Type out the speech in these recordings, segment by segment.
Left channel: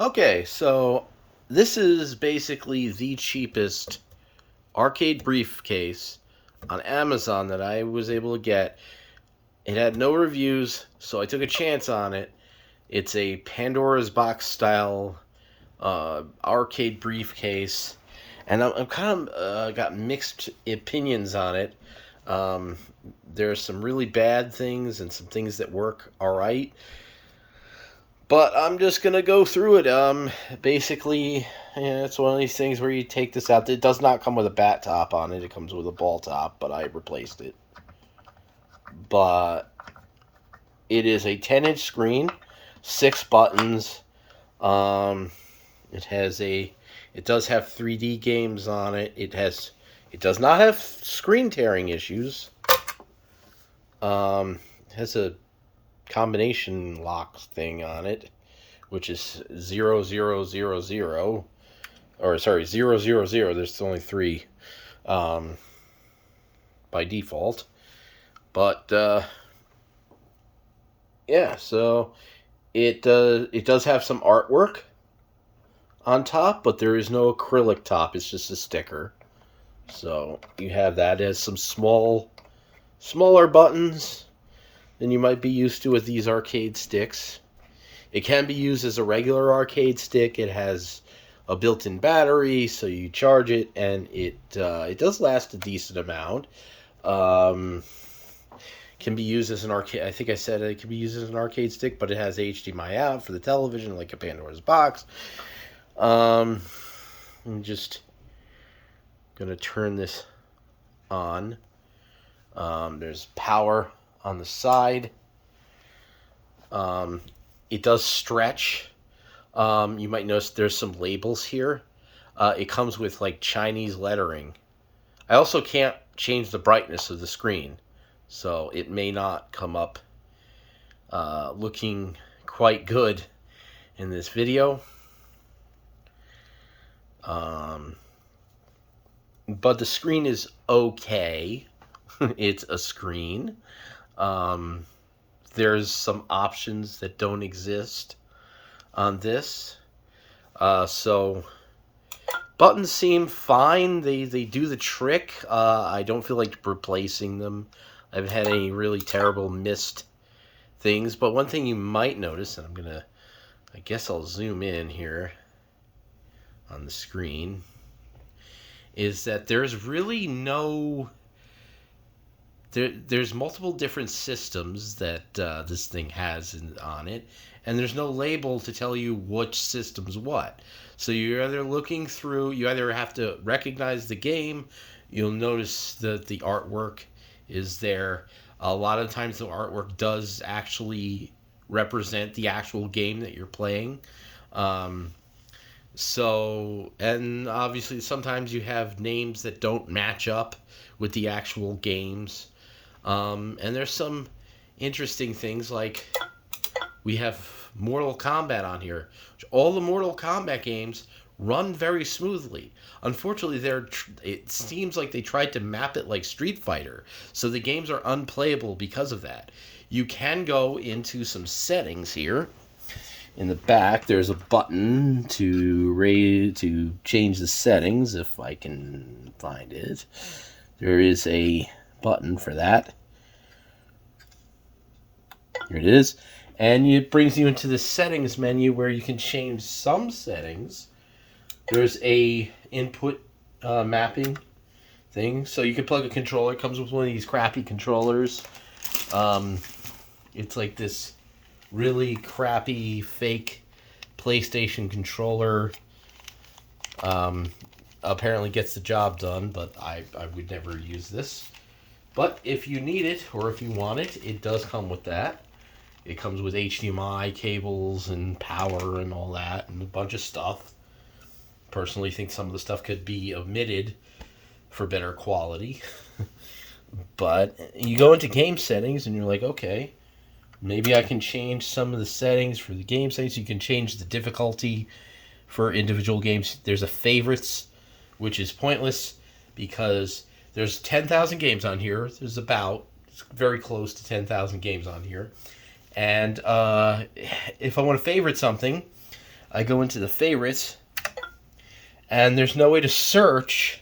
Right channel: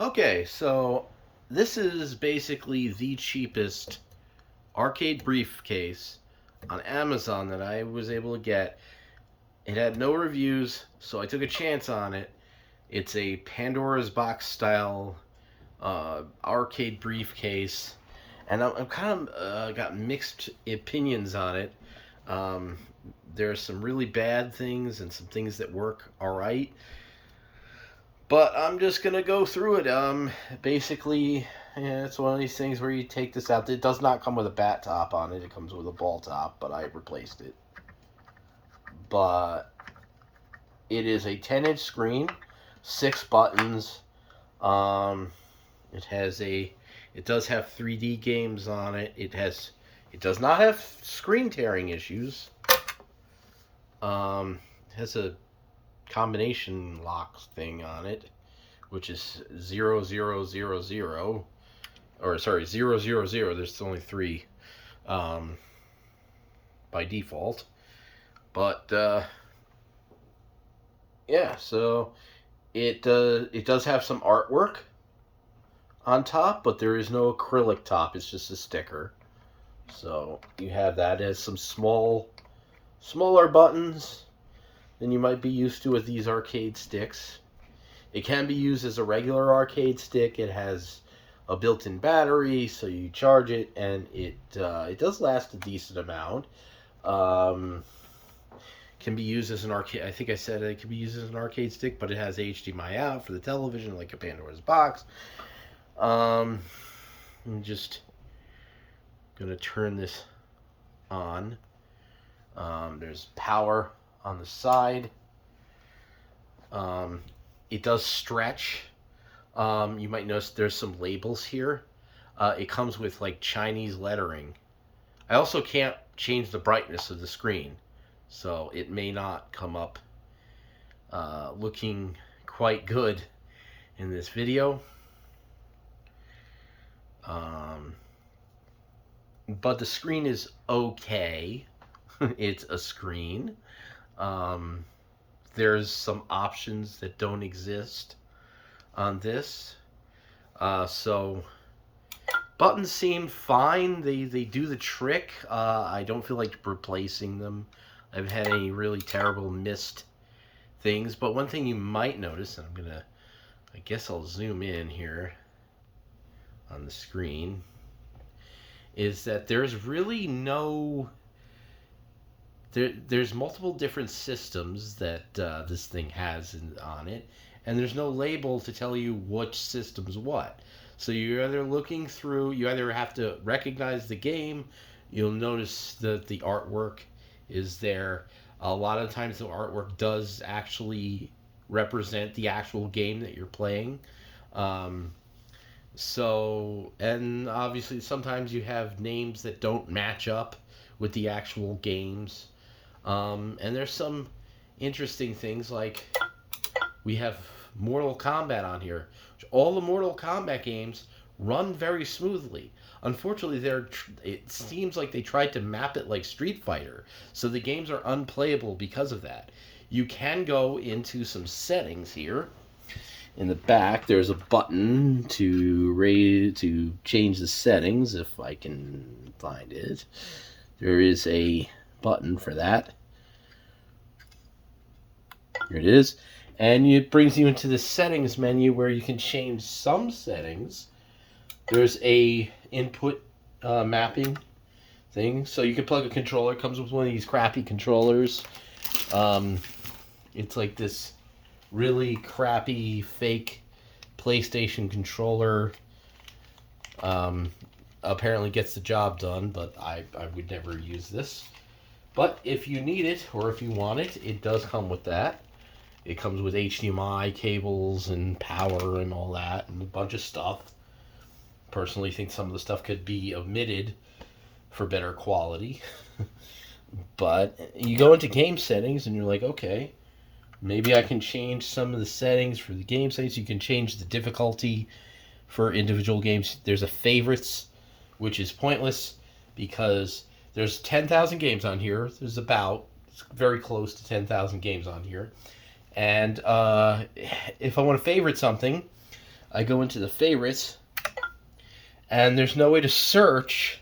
Okay, so this is basically the cheapest arcade briefcase on Amazon that I was able to get. It had no reviews, so I took a chance on it. It's a Pandora's Box style arcade briefcase, and I'm kind of got mixed opinions on it. Um, there's some really bad things and some things that work all right. But I'm just gonna go through it. Basically, yeah, it's one of these things where you take this out. It does not come with a bat top on it. It comes with a ball top, but I replaced it. But it is a 10-inch screen, 6 buttons. Um, it has a, it does have 3D games on it. It does not have screen tearing issues. It has a combination lock thing on it, which is 0000, or sorry, 000. There's only three um, by default. But yeah, so it does have some artwork on top, but there is no acrylic top. It's just a sticker. So you have that. It has some smaller buttons than you might be used to with these arcade sticks. It can be used as a regular arcade stick. It has a built-in battery, so you charge it, and it does last a decent amount. Um, can be used as an arcade. I think I said it can be used as an arcade stick, but it has HDMI out for the television, like a Pandora's box. I'm just gonna turn this on. There's power on the side. Um, it does stretch. You might notice there's some labels here. It comes with like Chinese lettering. I also can't change the brightness of the screen, so it may not come up looking quite good in this video. But the screen is okay. It's a screen. Um, there's some options that don't exist on this. So buttons seem fine. They do the trick. I don't feel like replacing them. I haven't had any really terrible missed things. But one thing you might notice, and I guess I'll zoom in here on the screen, is that there's really no. There's multiple different systems that this thing has on it, and there's no label to tell you which system's what. So you're either looking through, you either have to recognize the game, you'll notice that the artwork is there. A lot of times the artwork does actually represent the actual game that you're playing. Um, and obviously sometimes you have names that don't match up with the actual games. And there's some interesting things like we have Mortal Kombat on here. All the Mortal Kombat games run very smoothly. Unfortunately, it seems like they tried to map it like Street Fighter, so the games are unplayable because of that. You can go into some settings here. In the back, there's a button to change the settings, if I can find it. There is a button for that. Here it is. And it brings you into the settings menu where you can change some settings. There's a input mapping thing. So you can plug a controller. It comes with one of these crappy controllers. It's like this really crappy fake PlayStation controller. Apparently gets the job done, but I would never use this. But if you need it or if you want it, it does come with that. It comes with HDMI cables and power and all that and a bunch of stuff. Personally think some of the stuff could be omitted for better quality. But you go into game settings and you're like, okay, maybe I can change some of the settings for the game settings. You can change the difficulty for individual games. There's a favorites, which is pointless because there's 10,000 games on here. It's very close to 10,000 games on here. And if I want to favorite something, I go into the favorites, and there's no way to search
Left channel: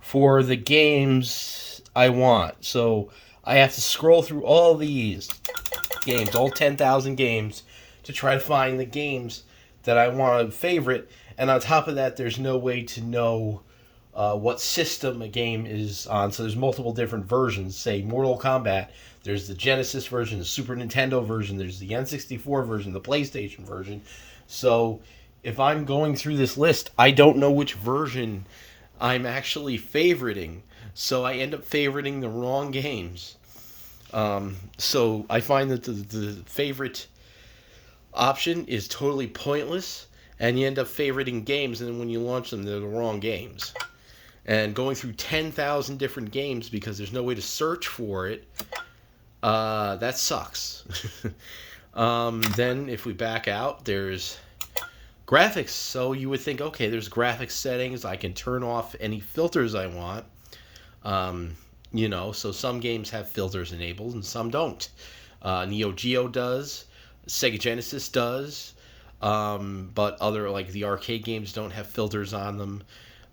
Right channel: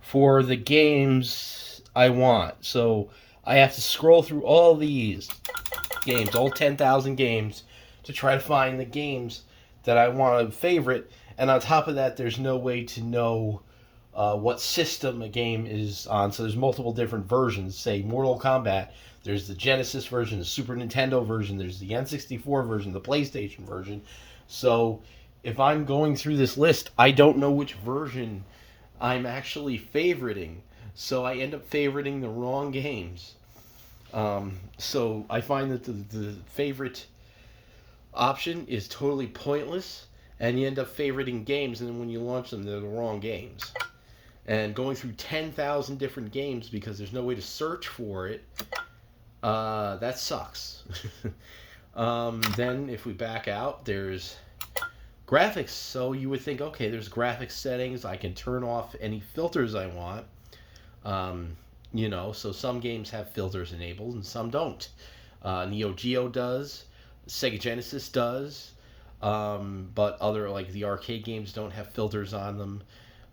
for the games I want. So I have to scroll through all these games, all 10,000 games, to try to find the games that I want to favorite. And on top of that, there's no way to know what system a game is on. So there's multiple different versions. Say Mortal Kombat, there's the Genesis version, the Super Nintendo version, there's the N64 version, the PlayStation version. So if I'm going through this list, I don't know which version I'm actually favoriting. So I end up favoriting the wrong games. So I find that the favorite option is totally pointless, and you end up favoriting games, and then when you launch them, they're the wrong games. And going through 10,000 different games because there's no way to search for it, that sucks. Then if we back out, there's graphics. So you would think, okay, there's graphics settings. I can turn off any filters I want. So some games have filters enabled and some don't. Neo Geo does. Sega Genesis does. But other, like the arcade games, don't have filters on them.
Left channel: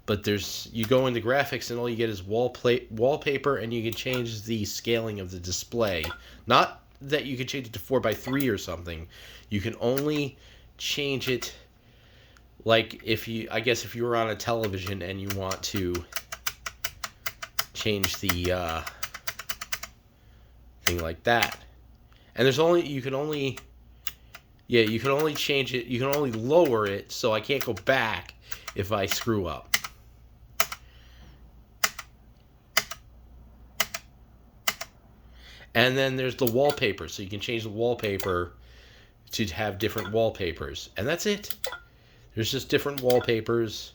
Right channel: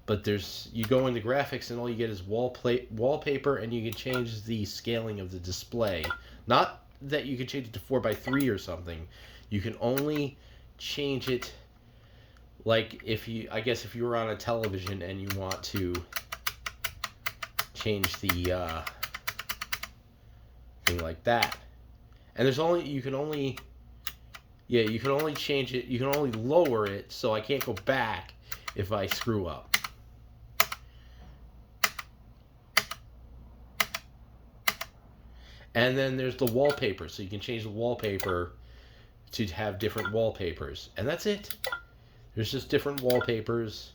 But you go into graphics and all you get is wallpaper, and you can change the scaling of the display. Not that you can change it to 4:3 or something. You can only change it, like if you were on a television and you want to change the thing like that. And you can only change it, you can only lower it, so I can't go back if I screw up. And then there's the wallpaper, so you can change the wallpaper to have different wallpapers. And that's it. There's just different wallpapers.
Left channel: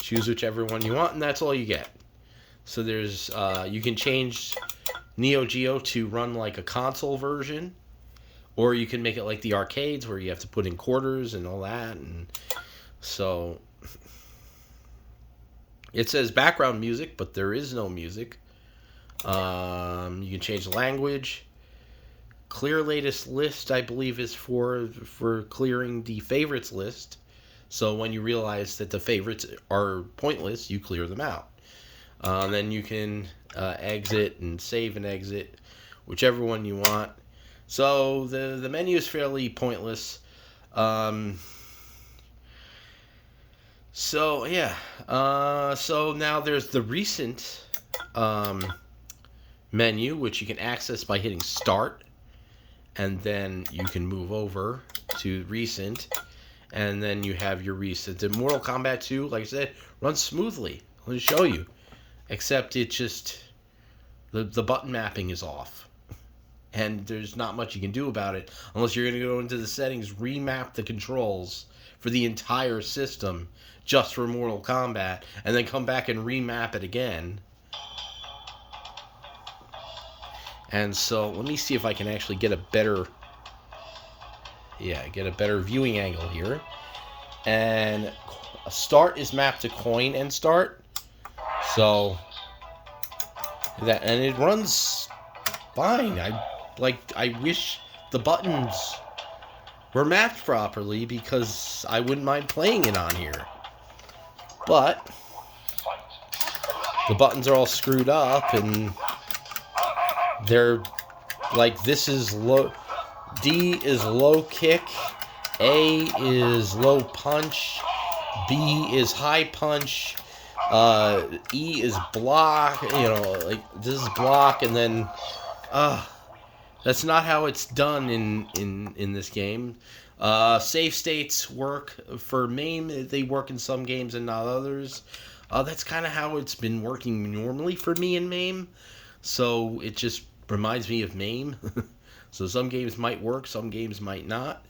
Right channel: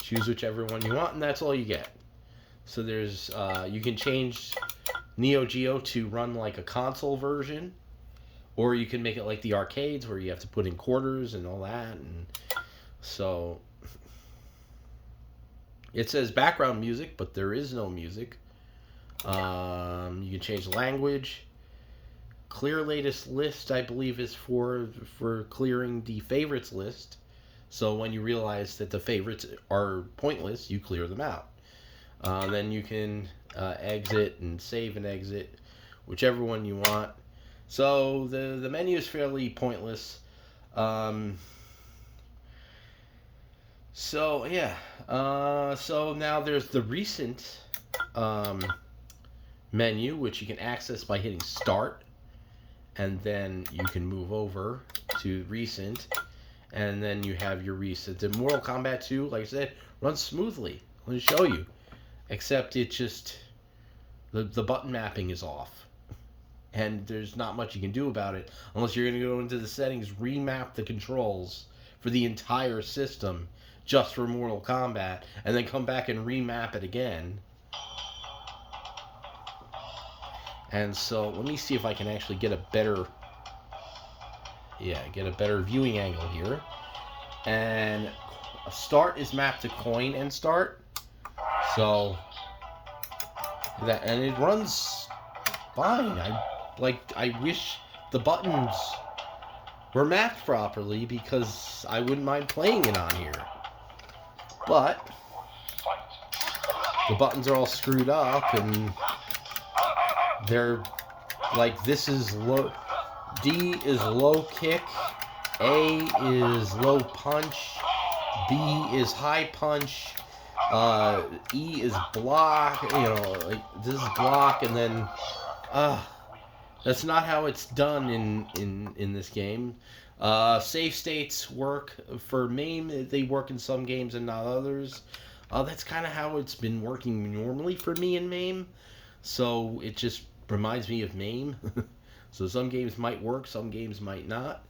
Choose whichever one you want, and that's all you get. So there's you can change Neo Geo to run like a console version, or you can make it like the arcades where you have to put in quarters and all that. And so it says background music, but there is no music. You can change the language. Clear latest list, I believe, is for clearing the favorites list. So when you realize that the favorites are pointless, you clear them out. Then you can exit and save and exit, whichever one you want. So the menu is fairly pointless. So now there's the recent menu, which you can access by hitting start, and then you can move over to recent, and then you have your recent. The Mortal Kombat 2, like I said, runs smoothly. Let me show you. Except it just, the button mapping is off. And there's not much you can do about it unless you're going to go into the settings, remap the controls for the entire system just for Mortal Kombat, and then come back and remap it again. And so let me see if I can actually get a better viewing angle here. And start is mapped to coin and start. So and it runs fine. I wish the buttons were mapped properly because I wouldn't mind playing it on here. But the buttons are all screwed up, and they're like, this is low, D is low kick, A is low punch, B is high punch, E is block, like this is block, and then that's not how it's done in this game. Save states work for MAME. They work in some games and not others. That's kind of how it's been working normally for me in MAME. So it just reminds me of MAME. So some games might work, some games might not.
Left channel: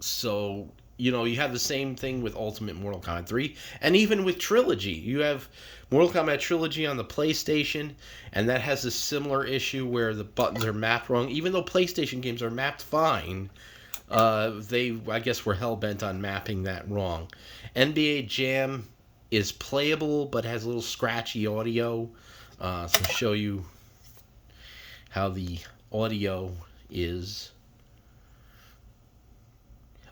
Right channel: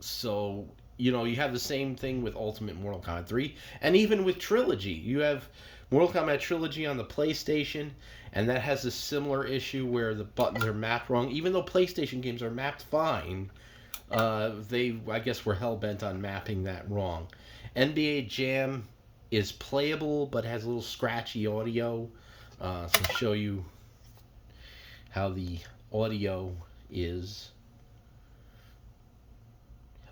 So, you have the same thing with Ultimate Mortal Kombat 3. And even with Trilogy. You have Mortal Kombat Trilogy on the PlayStation, and that has a similar issue where the buttons are mapped wrong. Even though PlayStation games are mapped fine, they, I guess, were hell-bent on mapping that wrong. NBA Jam is playable, but has a little scratchy audio. So I'll show you how the audio is.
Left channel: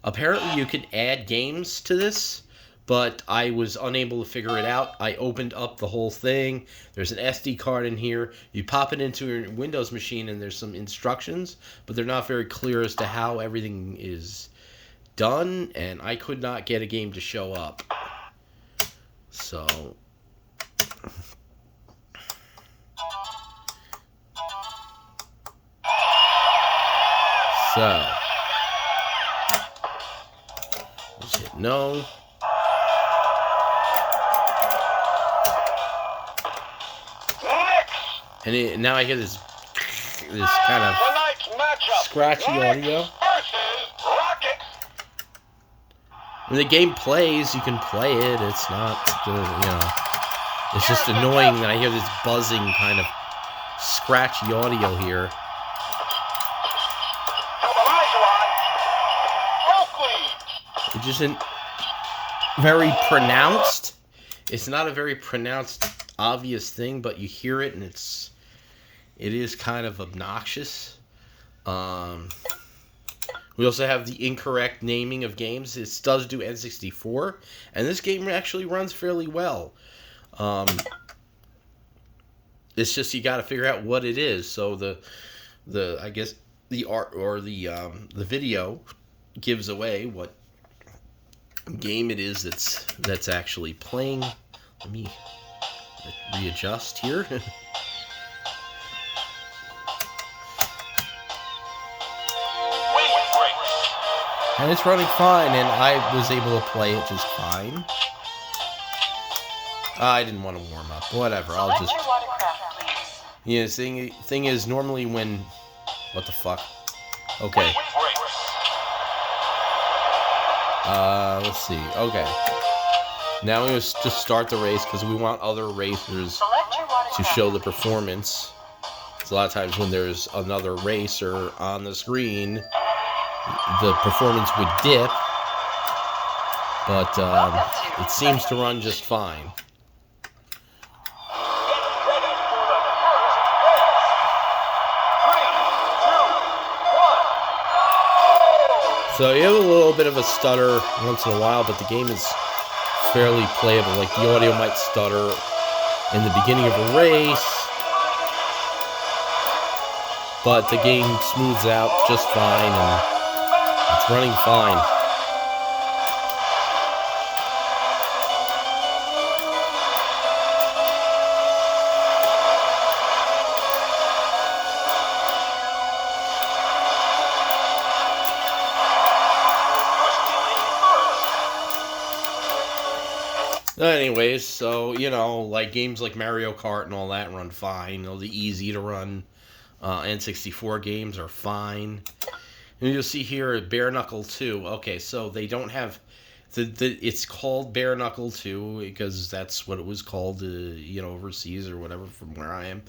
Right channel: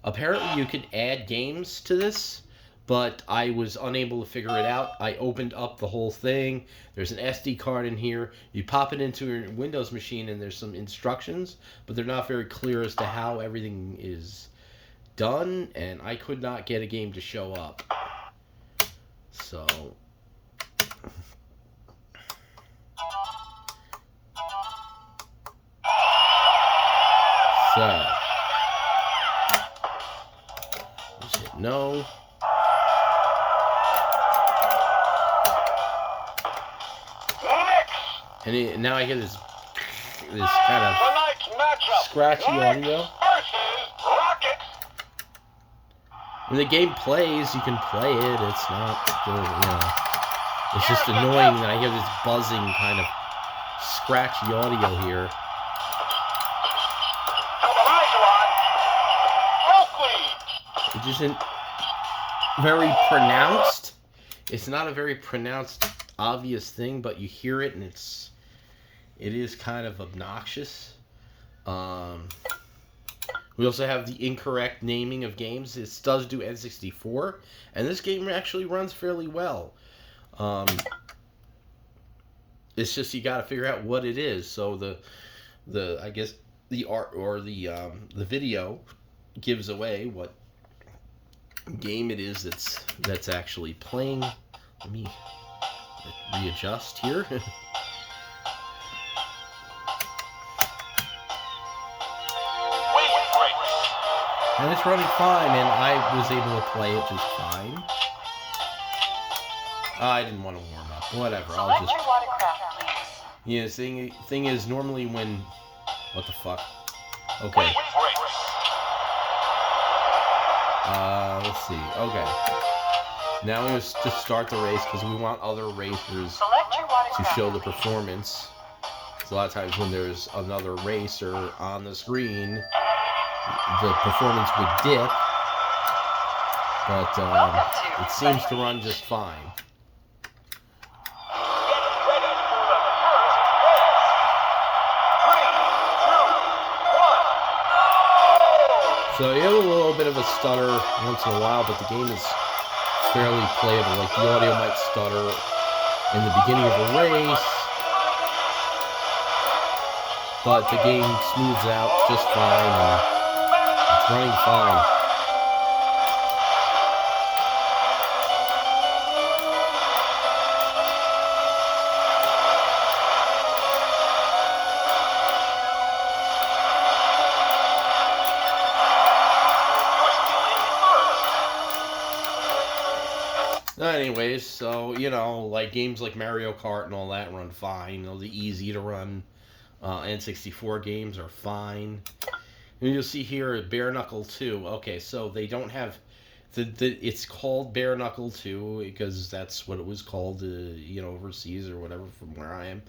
Apparently you can add games to this, but I was unable to figure it out. I opened up the whole thing. There's an SD card in here. You pop it into your Windows machine and there's some instructions, but they're not very clear as to how everything is done, and I could not get a game to show up. So just hit no. And now I hear this kind of scratchy audio. When the game plays, you can play it. It's not, it's just annoying. I hear this buzzing kind of scratchy audio here. It isn't very pronounced. It's not a very pronounced, obvious thing, but you hear it and it is kind of obnoxious. We also have the incorrect naming of games. It does do N64, and this game actually runs fairly well. It's just you got to figure out what it is. So I guess the art or the video gives away what game it is that's actually playing. Let me readjust here. And it's running fine, and I was able to play it just fine. I didn't want to warm up. Whatever, I'll just... Yeah, the thing is, normally when... What the fuck? Okay. Let's see. Okay. Now we're going to just start the race, because we want other racers to show the performance. So a lot of times when there's another racer on the screen, the performance would dip, but it seems to run just fine. So you have a little bit of a stutter once in a while, but the game is fairly playable. Like the audio might stutter in the beginning of a race, but the game smooths out just fine, and it's running fine. Anyways, so, like games like Mario Kart and all that run fine. The easy to run N64 games are fine. And you'll see here Bare Knuckle 2. Okay, so they don't have it's called Bare Knuckle 2 because that's what it was called, overseas or whatever from where I am.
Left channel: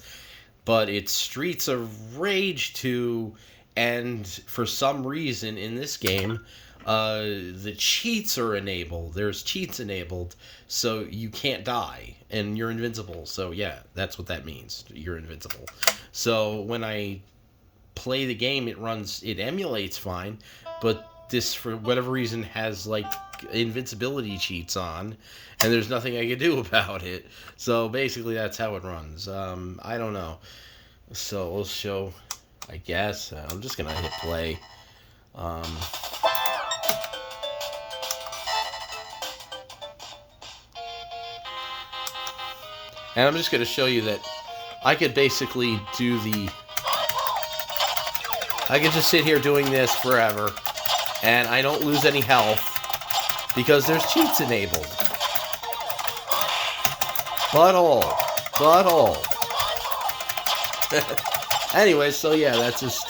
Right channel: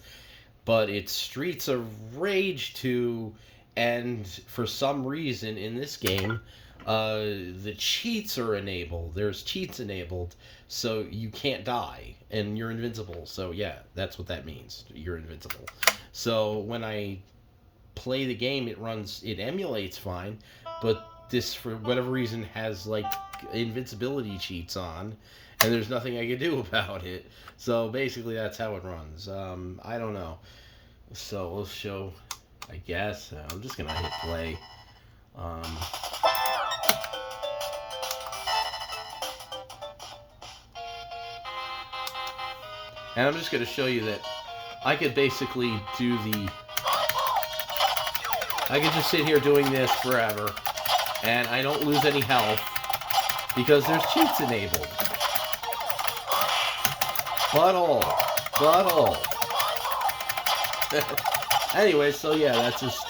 But it's Streets of Rage 2, and for some reason in this game, the cheats are enabled. There's cheats enabled, so you can't die, and you're invincible. So yeah, that's what that means. You're invincible. So when I play the game, it emulates fine, but this, for whatever reason, has like invincibility cheats on, and there's nothing I can do about it. So basically that's how it runs. I don't know. So we'll show, I guess. I'm just gonna hit play. And I'm just going to show you that I could basically I could just sit here doing this forever, and I don't lose any health, because there's cheats enabled. But all. Anyway, so yeah, that's just,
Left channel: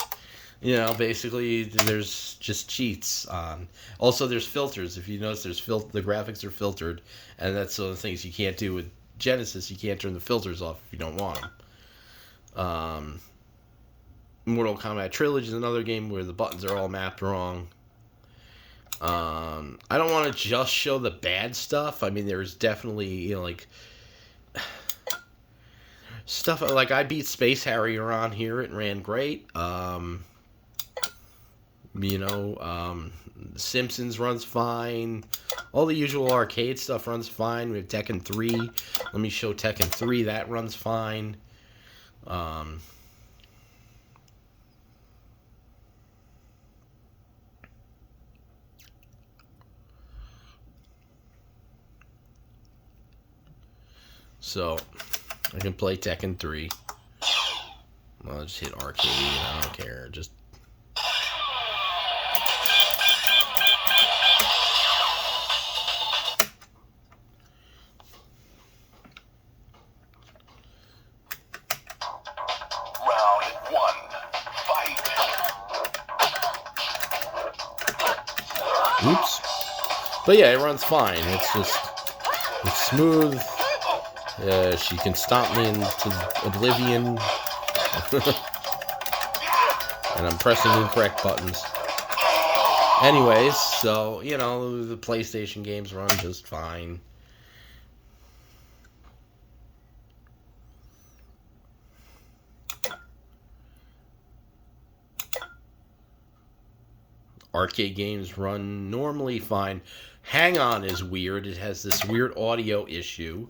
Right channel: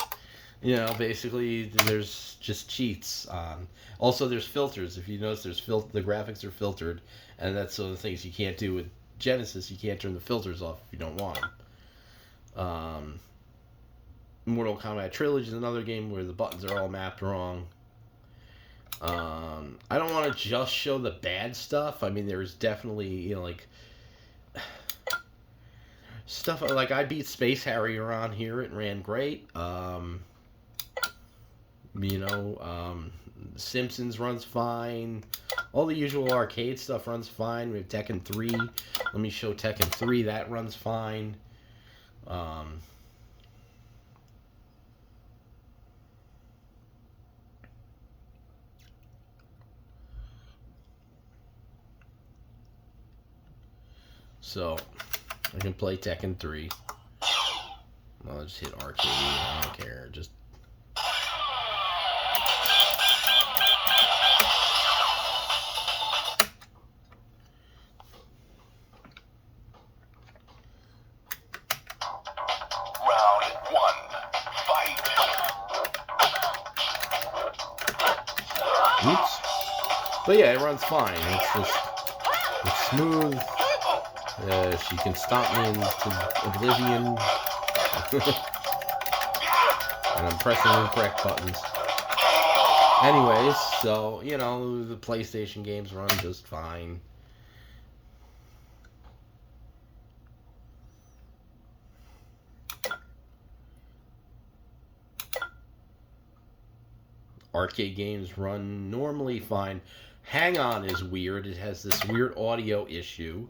basically there's just cheats on. Also, there's filters. If you notice, the graphics are filtered, and that's one of the things you can't do with Genesis. You can't turn the filters off if you don't want them. Mortal Kombat Trilogy is another game where the buttons are all mapped wrong. I don't want to just show the bad stuff. I mean, there's definitely, stuff like I beat Space Harrier on here. It ran great. You know, Simpsons runs fine. All the usual arcade stuff runs fine. We have Tekken 3. Let me show Tekken 3. That runs fine. So, I can play Tekken 3. I'll just hit arcade. I don't care. Just... Oops. But yeah, it runs fine. It's smooth. She can stomp me into oblivion. And I'm pressing the incorrect buttons. Anyways, so, you know, the PlayStation games run just fine. Arcade games run normally fine. Hang On is weird. It has this weird audio issue.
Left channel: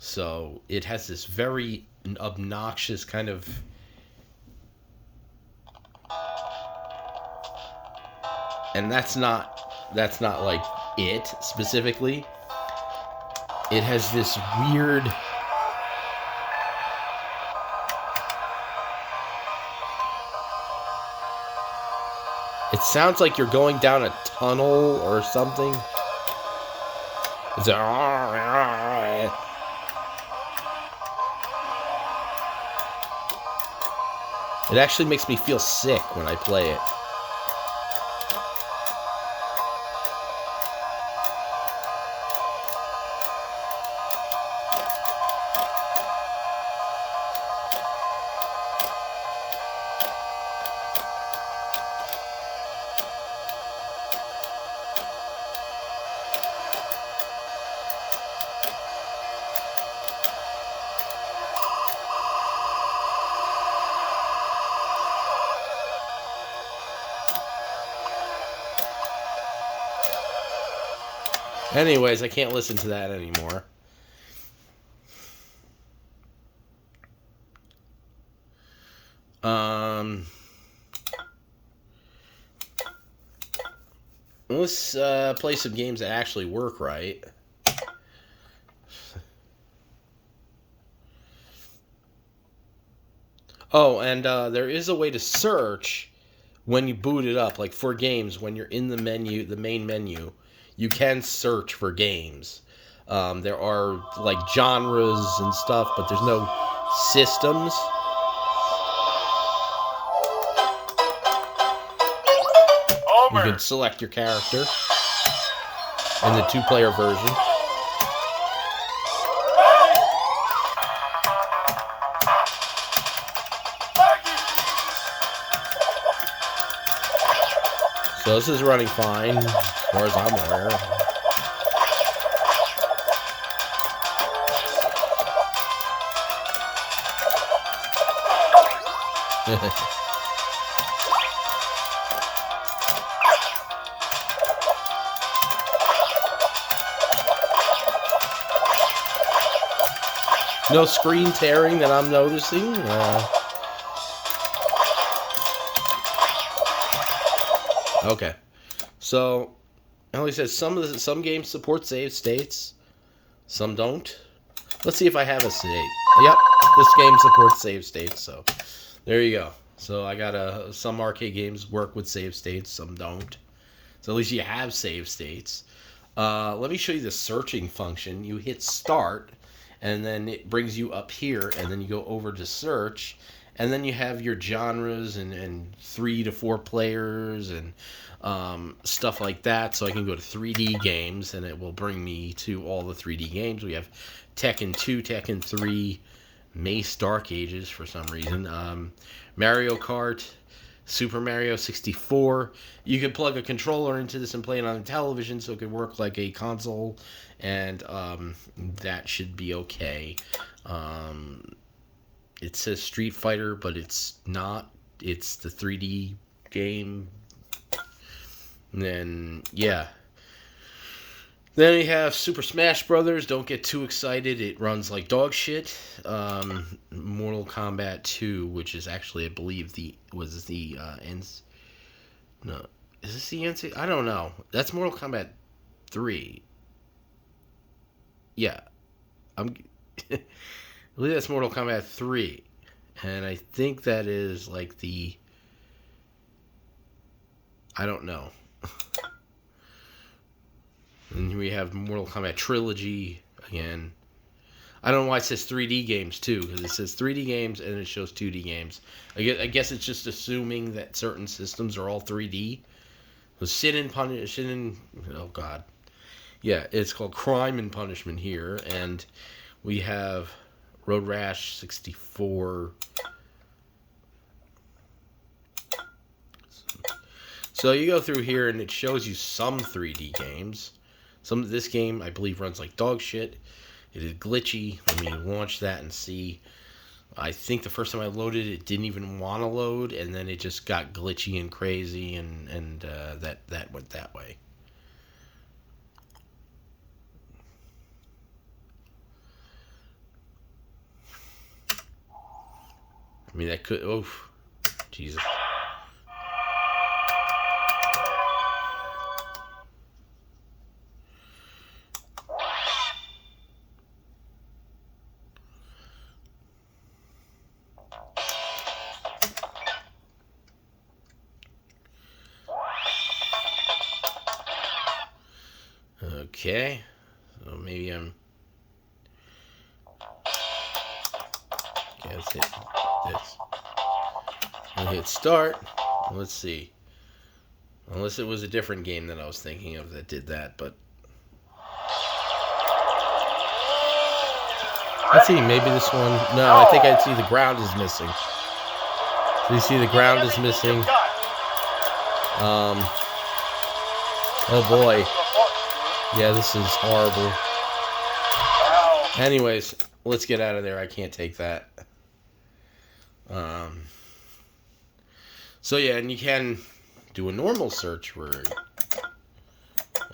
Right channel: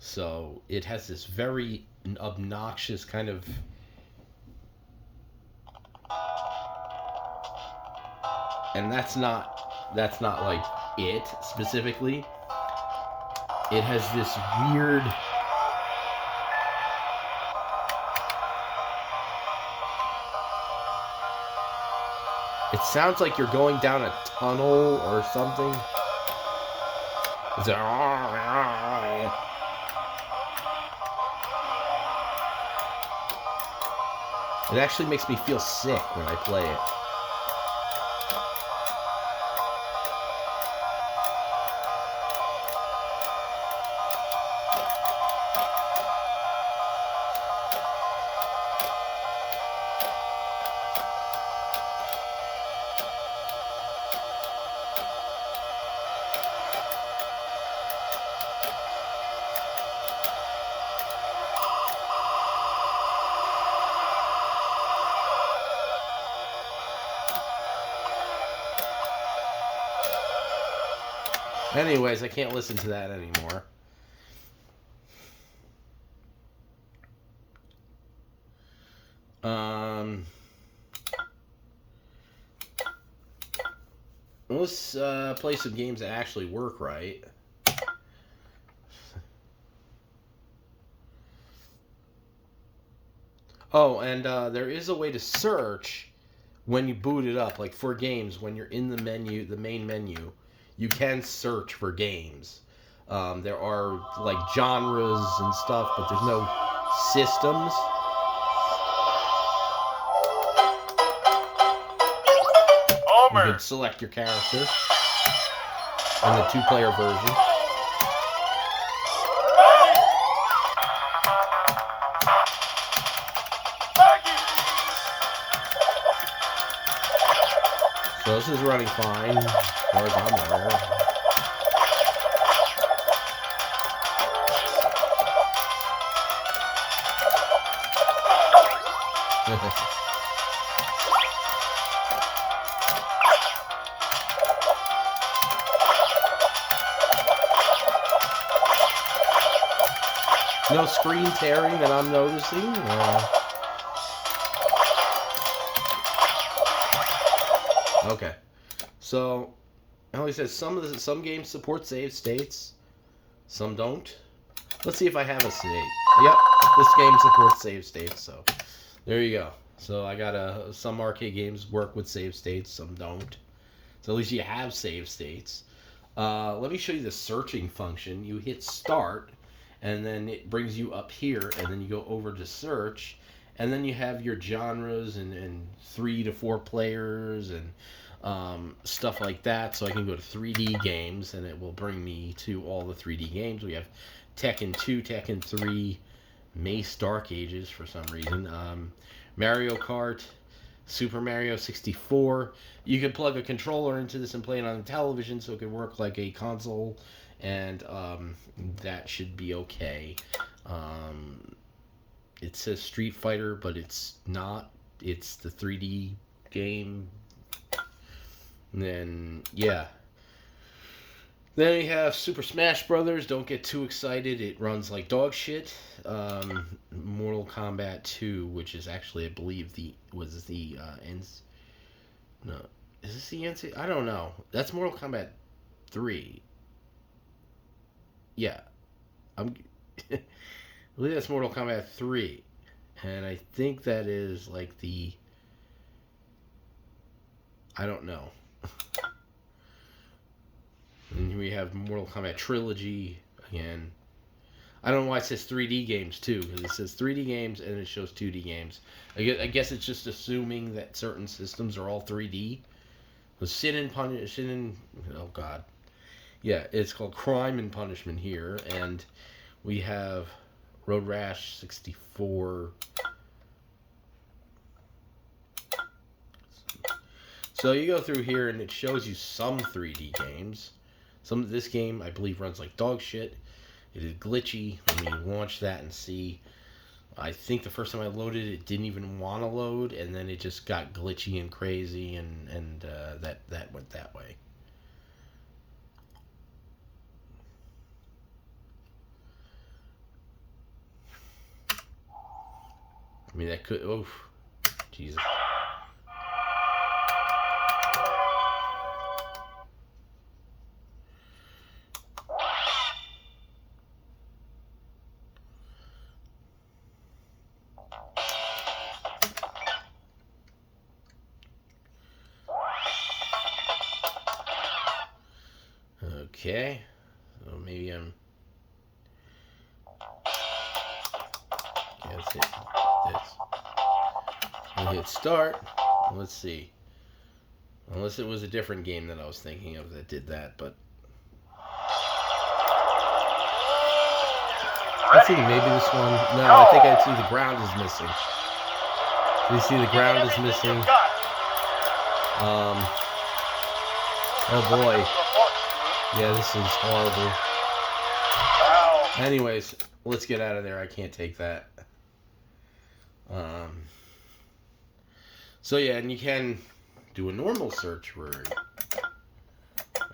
So it has this very obnoxious kind of... And that's not like it specifically. It has this weird... It sounds like you're going down a tunnel or something. It's a... It actually makes me feel sick when I play it. Anyways, I can't listen to that anymore. Let's play some games that actually work right. Oh, and there is a way to search when you boot it up, like for games, when you're in the menu, the main menu. You can search for games. There are like genres and stuff, but there's no systems. You can select your character in the 2-player version. So this is running fine, as far as I'm aware. No screen tearing that I'm noticing. Okay, so like I said, some games support save states, some don't. Let's see if I have a save. Yep, this game supports save states, so there you go. So I got some arcade games work with save states, some don't. So at least you have save states. Let me show you the searching function. You hit start, and then it brings you up here, and then you go over to search. And then you have your genres and 3 to 4 players and stuff like that. So I can go to 3D games, and it will bring me to all the 3D games. We have Tekken 2, Tekken 3, Mace Dark Ages for some reason, Mario Kart, Super Mario 64. You can plug a controller into this and play it on the television, so it can work like a console, and that should be okay. It says Street Fighter, but it's not. It's the 3D game. And then, yeah. Then we have Super Smash Brothers. Don't get too excited. It runs like dog shit. Mortal Kombat 2, which is actually, I believe, no, is this the NC? I don't know. That's Mortal Kombat 3. Yeah. I believe that's Mortal Kombat 3. And I think that is like I don't know. And we have Mortal Kombat Trilogy again. I don't know why it says 3D games too, because it says 3D games and it shows 2D games. I guess it's just assuming that certain systems are all 3D. Oh god. Yeah, it's called Crime and Punishment here, and we have Road Rash 64. So you go through here and it shows you some 3D games. This game, I believe, runs like dog shit. It is glitchy. Let me launch that and see. I think the first time I loaded it, it didn't even want to load, and then it just got glitchy and crazy, and that went that way. I mean, that could... Oof. Jesus. Okay, so maybe I'm... Okay, let's hit this. I'll hit start. Let's see. Unless it was a different game that I was thinking of that did that, but... Let's see, maybe this one... No, I think I'd see the ground is missing. So you see the ground is missing. Oh boy. Yeah, this is horrible. Anyways, let's get out of there. I can't take that. So yeah, and you can do a normal search for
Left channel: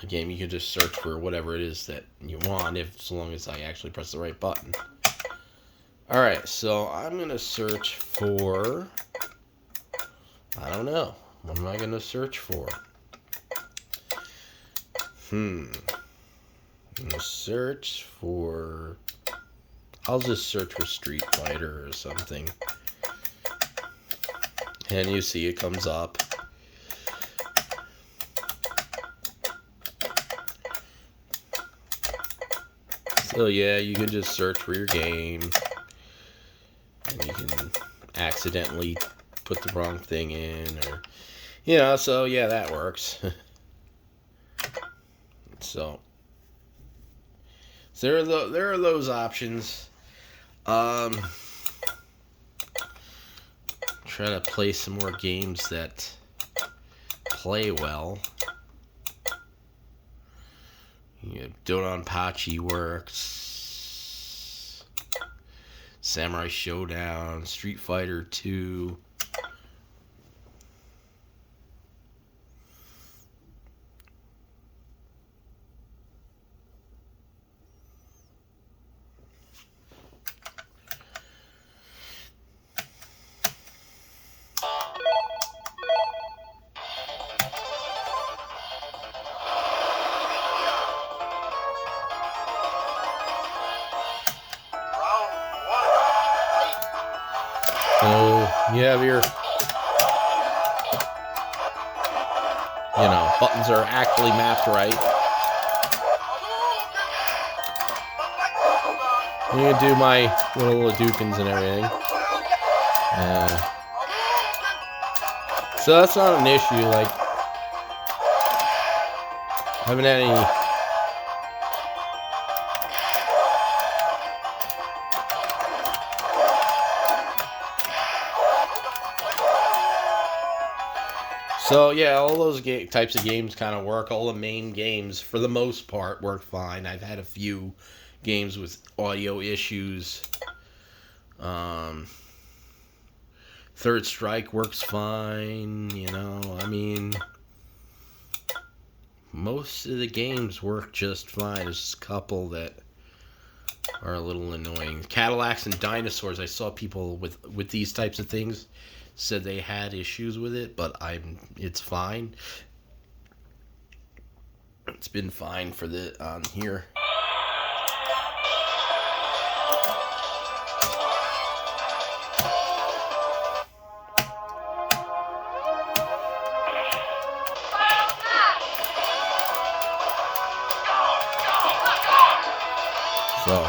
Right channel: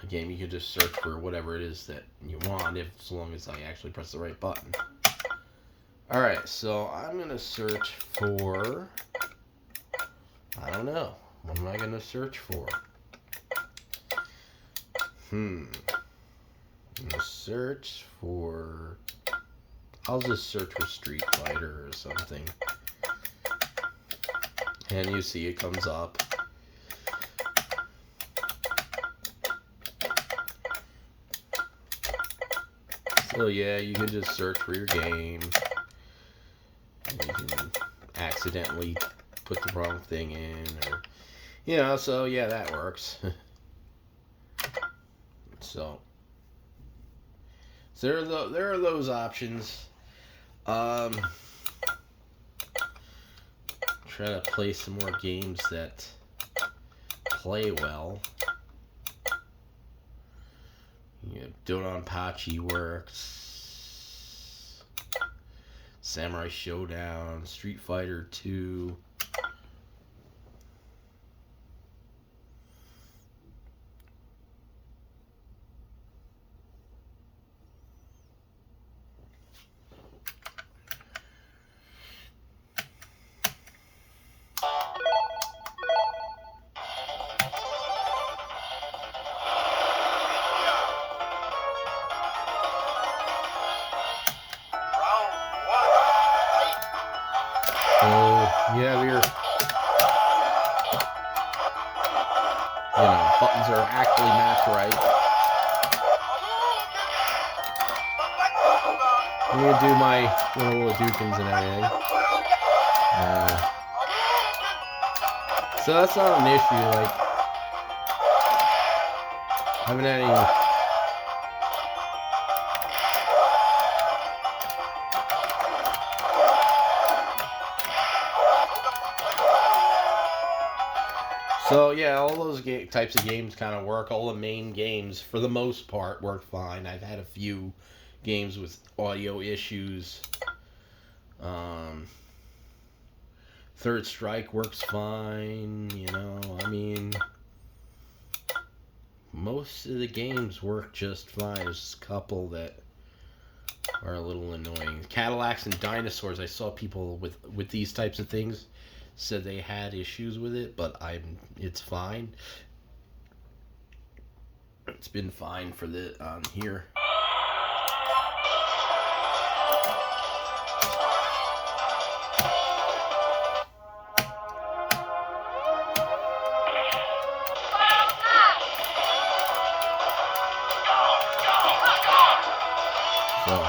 a game. You can just search for whatever it is that you want, as long as I actually press the right button. Alright, so I'm going to search for... I don't know. What am I going to search for? I'm going to search for... I'll just search for Street Fighter or something. And you see it comes up. So yeah, you can just search for your game. And you can accidentally put the wrong thing in, or... You know, so yeah, that works. So there are those options. Trying to play some more games that play well. Yeah, Dononpachi works. Samurai Showdown, Street Fighter 2. So you have your, buttons are actually mapped right. I'm gonna do my little Dukins and everything. So that's not an issue. Like, I haven't had any. So yeah, all those types of games kind of work. All the main games, for the most part, work fine. I've had a few games with audio issues. Third Strike works fine, you know. I mean, most of the games work just fine. There's just a couple that are a little annoying. Cadillacs and Dinosaurs, I saw people with these types of things said they had issues with it, but it's fine. It's been fine for the on here. So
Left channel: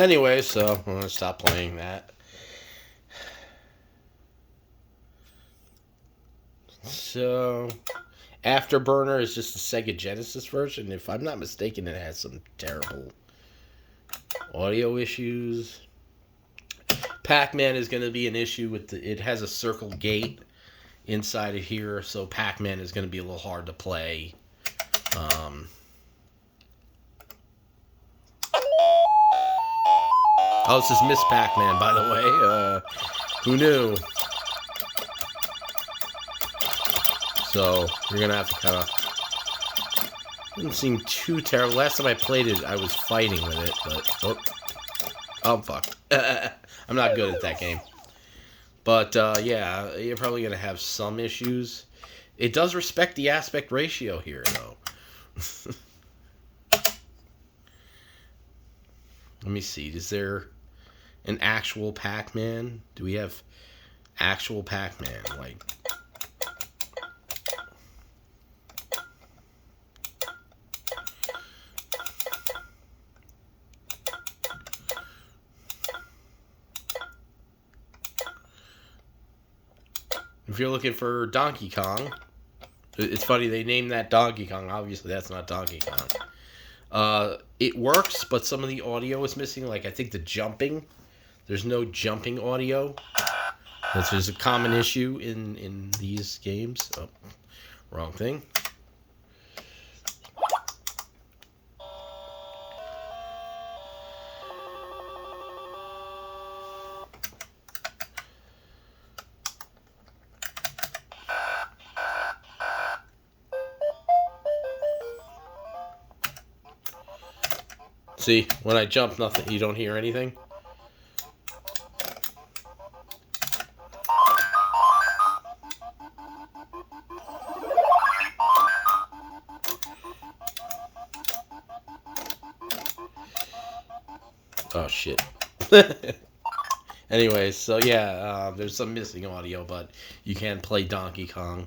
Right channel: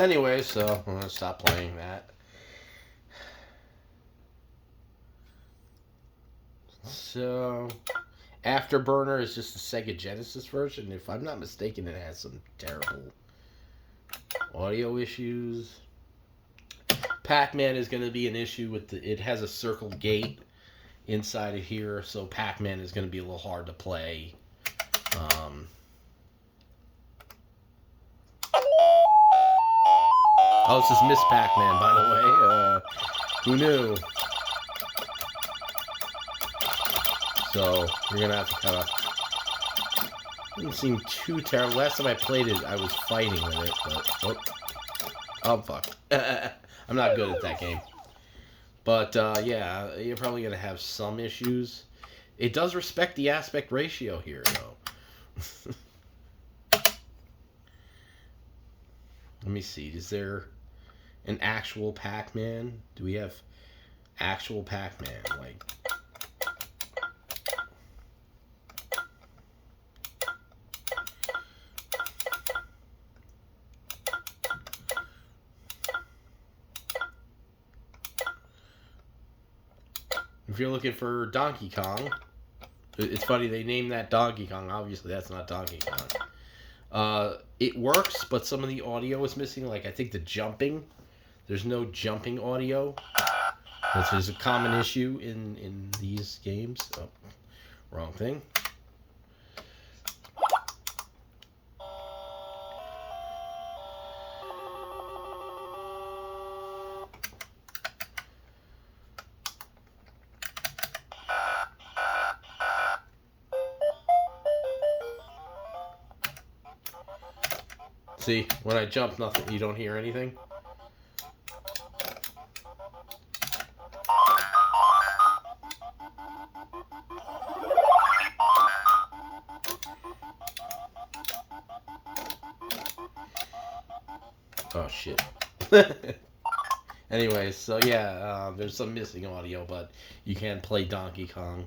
anyway, so I'm going to stop playing that. So, Afterburner is just the Sega Genesis version. If I'm not mistaken, it has some terrible audio issues. Pac-Man is going to be an issue with it has a circle gate inside of here, so Pac-Man is going to be a little hard to play. Oh, this is Miss Pac-Man, by the way. Who knew? So, you're going to have to kind of... Didn't seem too terrible. Last time I played it, I was fighting with it, but... Oh, fuck. I'm not good at that game. But, yeah, you're probably going to have some issues. It does respect the aspect ratio here, though. Let me see. Is there an actual Pac-Man? Do we have actual Pac-Man? Like... If you're looking for Donkey Kong, it's funny, they named that Donkey Kong. Obviously, that's not Donkey Kong. It works, but some of the audio is missing. Like, I think the jumping. There's no jumping audio, which is a common issue in these games. Oh, wrong thing. See, when I jump, nothing. You don't hear anything. Oh, shit. Anyways, so yeah, there's some missing audio, but you can play Donkey Kong.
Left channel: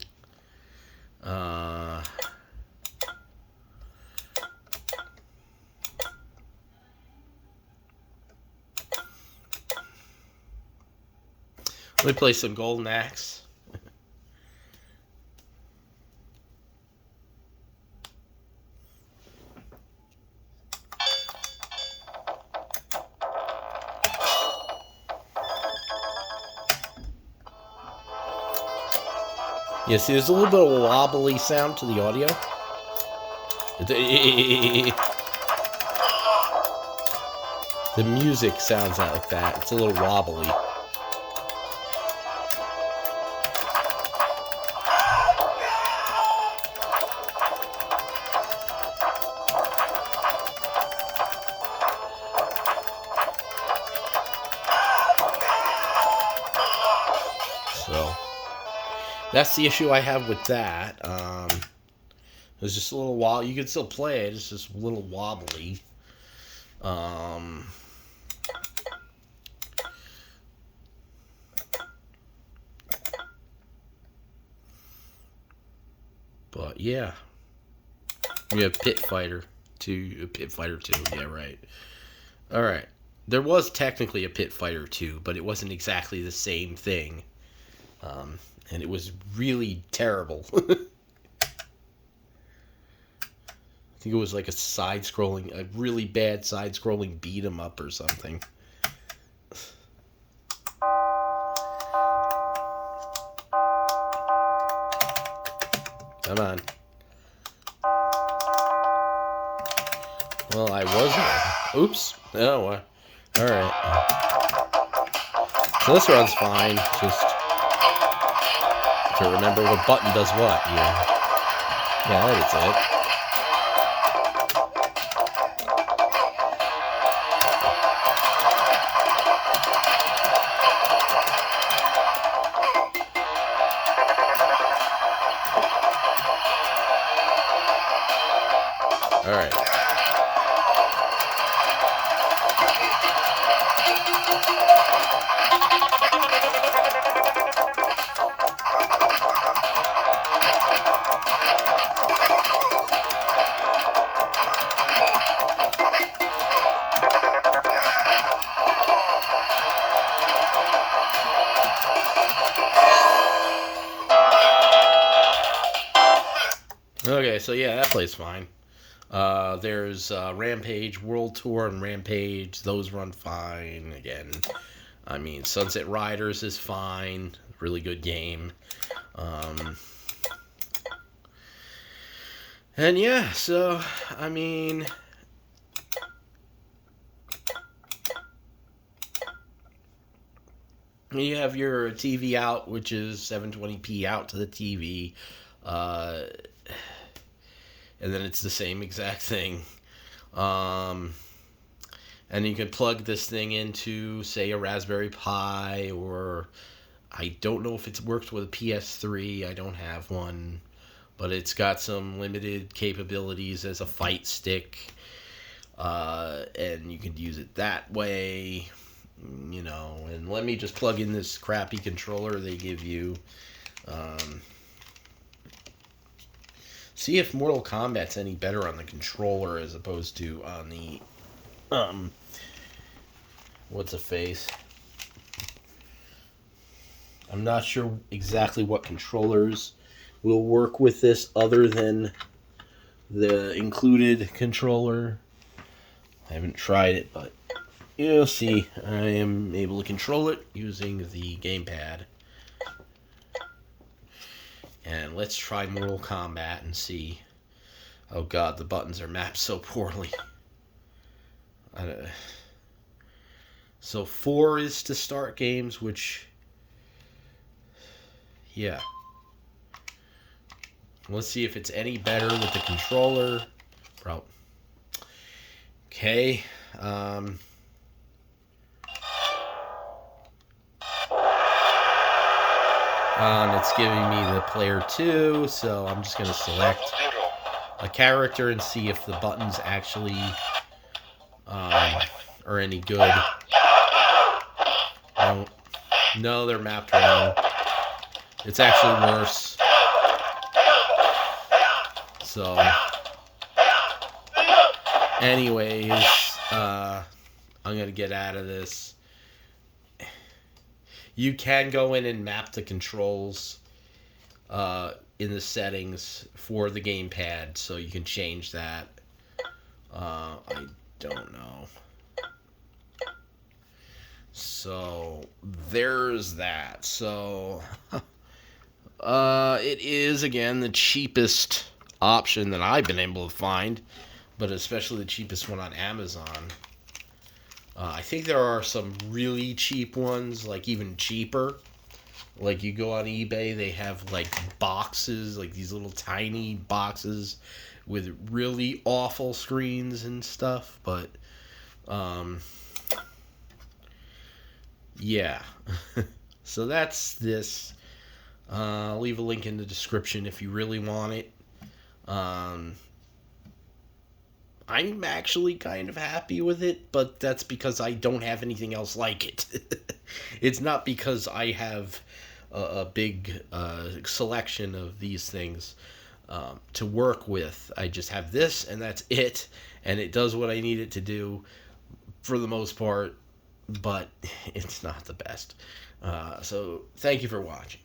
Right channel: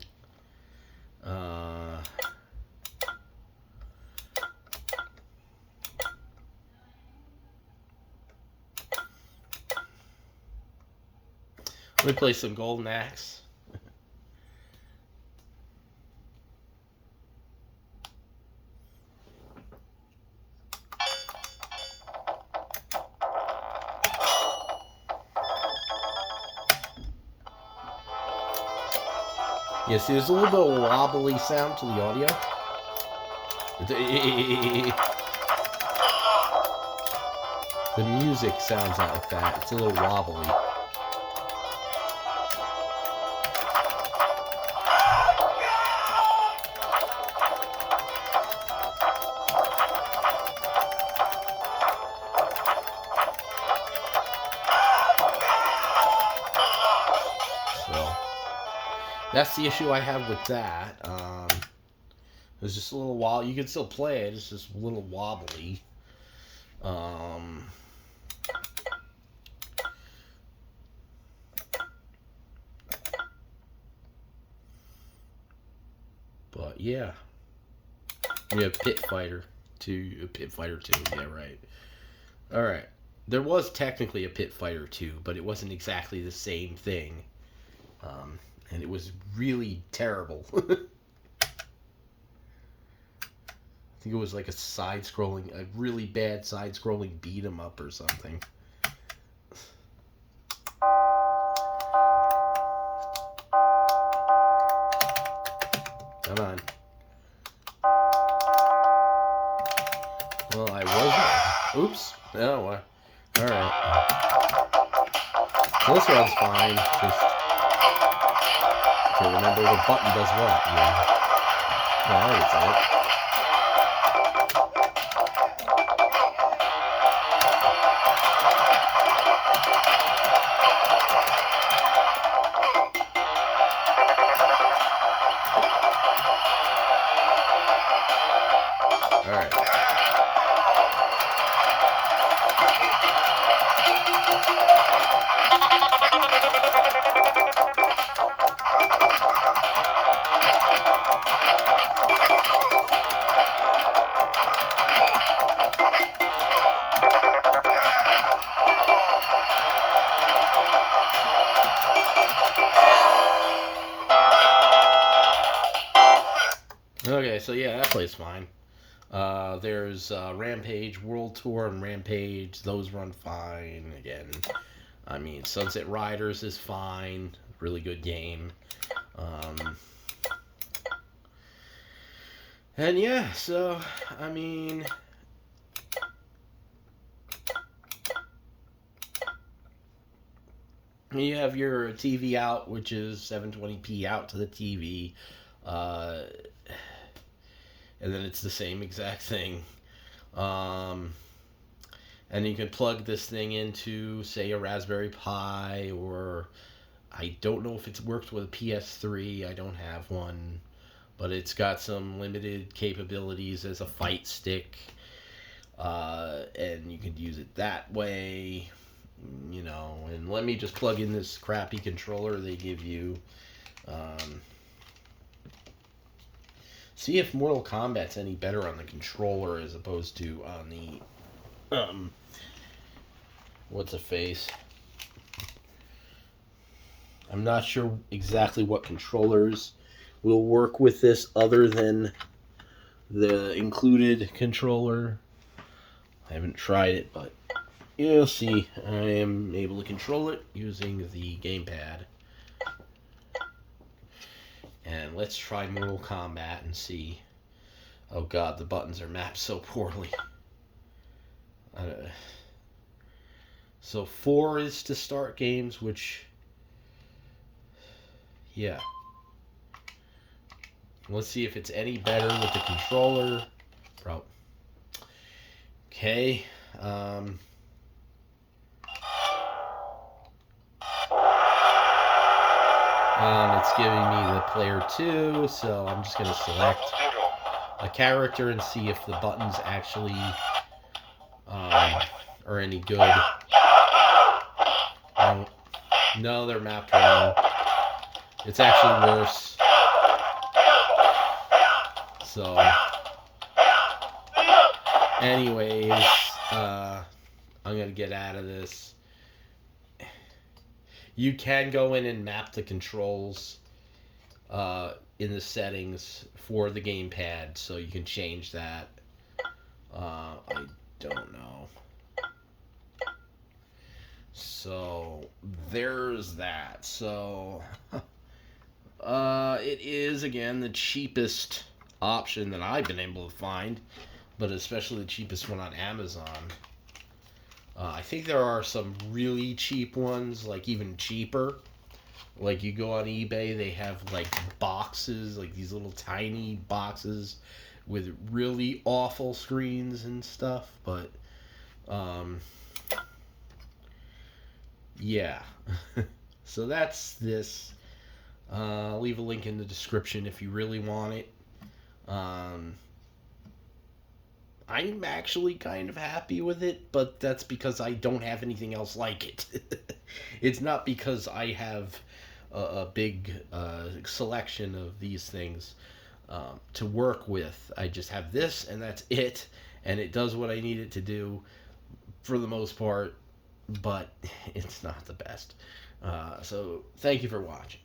Let me play some Golden Axe. Yeah, see, there's a little bit of a wobbly sound to the audio. The music sounds like that. It's a little wobbly. That's the issue I have with that. It's just a little wobbly. You can still play it. It's just a little wobbly. But yeah, we have Pit Fighter 2. Pit Fighter 2. Yeah, right. All right. There was technically a Pit Fighter 2, but it wasn't exactly the same thing. And it was really terrible. I think it was like a really bad side-scrolling beat 'em up or something. Come on. Well, I wasn't. Oops. Oh, alright. So this one's fine. Just can't remember what button does what. Yeah. Yeah, that's it. Alright. Okay, so yeah, that plays fine. There's Rampage, World Tour, and Rampage. Those run fine. Again, I mean, Sunset Riders is fine. Really good game. And yeah, so, I mean... You have your TV out, which is 720p out to the TV. And then it's the same exact thing. And you can plug this thing into, say, a Raspberry Pi, or I don't know if it works with a PS3. I don't have one. But it's got some limited capabilities as a fight stick. And you can use it that way. You know, and let me just plug in this crappy controller they give you. See if Mortal Kombat's any better on the controller as opposed to on the, what's a face? I'm not sure exactly what controllers will work with this other than the included controller. I haven't tried it, but you'll see. I am able to control it using the gamepad. And let's try Mortal Kombat and see. Oh god, the buttons are mapped so poorly. So 4 is to start games, which... Yeah. Let's see if it's any better with the controller. Bro. Okay. And it's giving me the player 2, so I'm just going to select a character and see if the buttons actually are any good. No, they're mapped wrong. It's actually worse. So, anyways, I'm going to get out of this. You can go in and map the controls in the settings for the gamepad, so you can change that. I don't know. So, there's that. So, it is, again, the cheapest option that I've been able to find, but especially the cheapest one on Amazon. I think there are some really cheap ones, like even cheaper. Like you go on eBay, they have like boxes, like these little tiny boxes with really awful screens and stuff. But, yeah. So that's this. I'll leave a link in the description if you really want it. I'm actually kind of happy with it, but that's because I don't have anything else like it. It's not because I have a big selection of these things to work with. I just have this, and that's it, and it does what I need it to do for the most part, but it's not the best. So, thank you for watching.